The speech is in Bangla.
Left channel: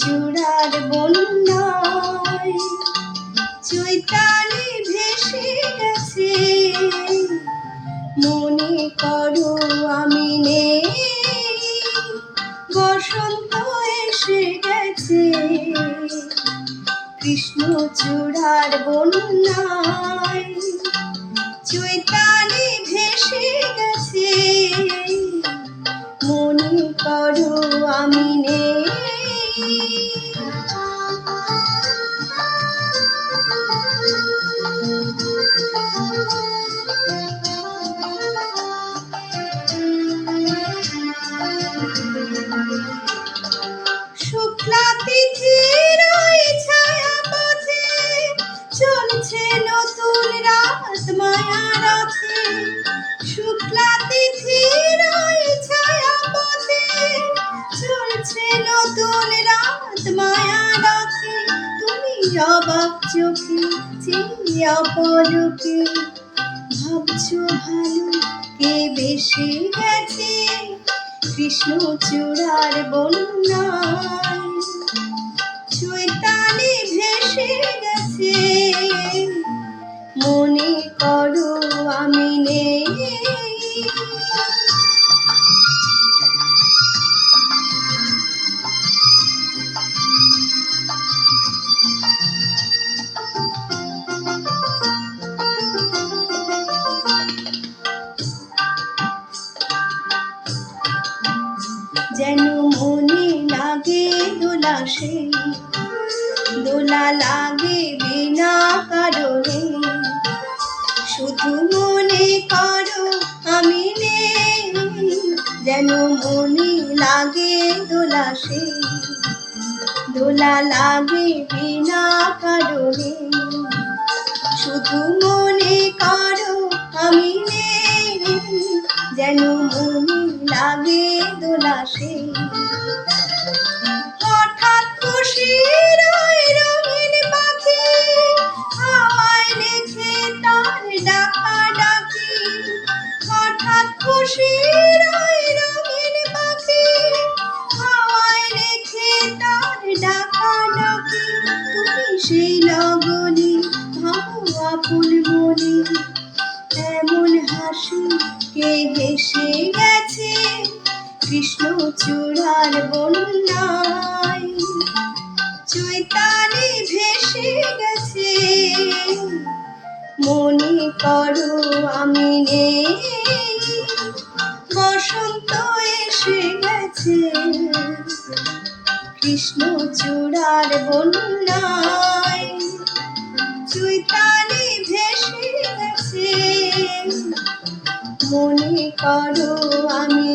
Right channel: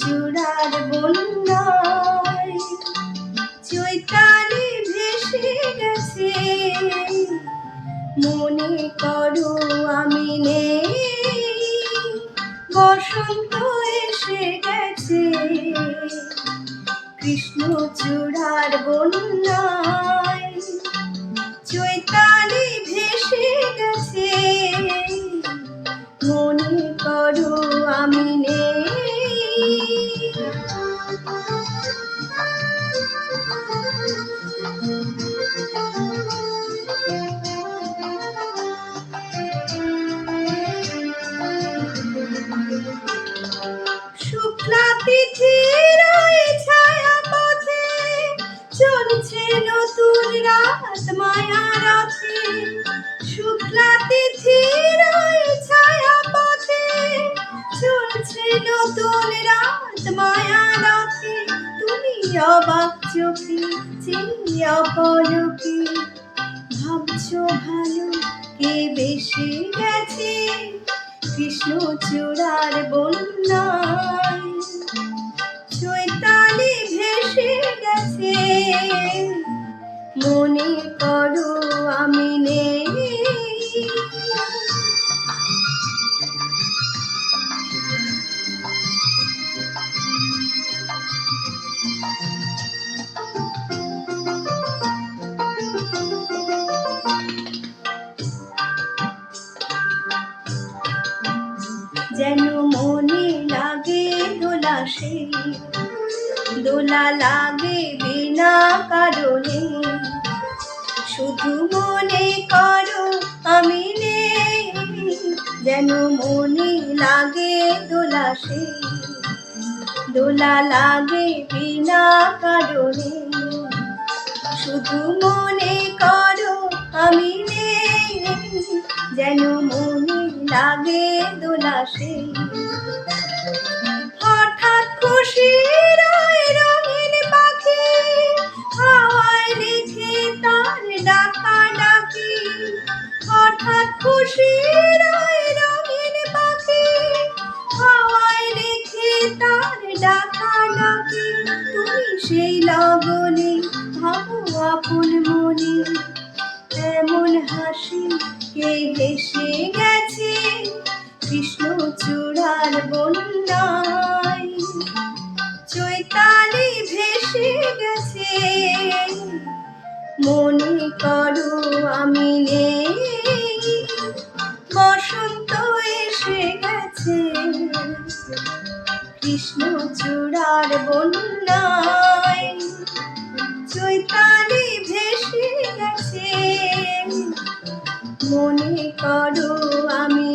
চূড়ার বন্যায় চৈতালি ভেসে গেছে, মনে করো আমি নেই, বসন্ত এসে গেছে। কৃষ্ণ চূড়ার বন্যায় চৈতালি ভেসে গেছে, মনে করো আমি নেই। শুক্লা তিথির ওই ছায়া পথে চলছে নতুন রাত মায়া রথে। শুক্লা তিথির ওই ছায়া পথে চলছে নতুন রাত মায়া রথে। তুমি অবাক চোখে চেয়ে অপলকে ভাবছো ভালো কে বেশি গেছে। কৃষ্ণ চূড়ার বন্যায় চৈতালি ভেসে গেছে, মনে করো আমি নেই। যেন মনে লাগে দোলা, সেই দোলা লাগে বিনা কারণে। শুধু মনে করো আমি নেই, যেন মনে লাগে দোলা, সেই দোলা লাগে বিনা কারণে। শুধু মনে করো আমি নেই, যেন মনে লাগে দোলা, সেই হঠাৎ খুশির ওই রঙিন পাখি হাওয়ায় লেখে তার ডাকা ডাকি। হঠাৎ খুশির ওই রঙিন পাখি হাওয়ায় লেখে তার ডাকা ডাকি। তুমি সেই লগনে ভাবো আপন মনে, এমন হাসি কে হেসে গেছে। কৃষ্ণ চূড়ার বন্যায় চৈতালি ভেসে গেছে, মনে করো আমি নেই, বসন্ত এসে গেছে। কৃষ্ণ চূড়ার বন্যায় চৈতালি ভেসে গেছে, মনে করো আমি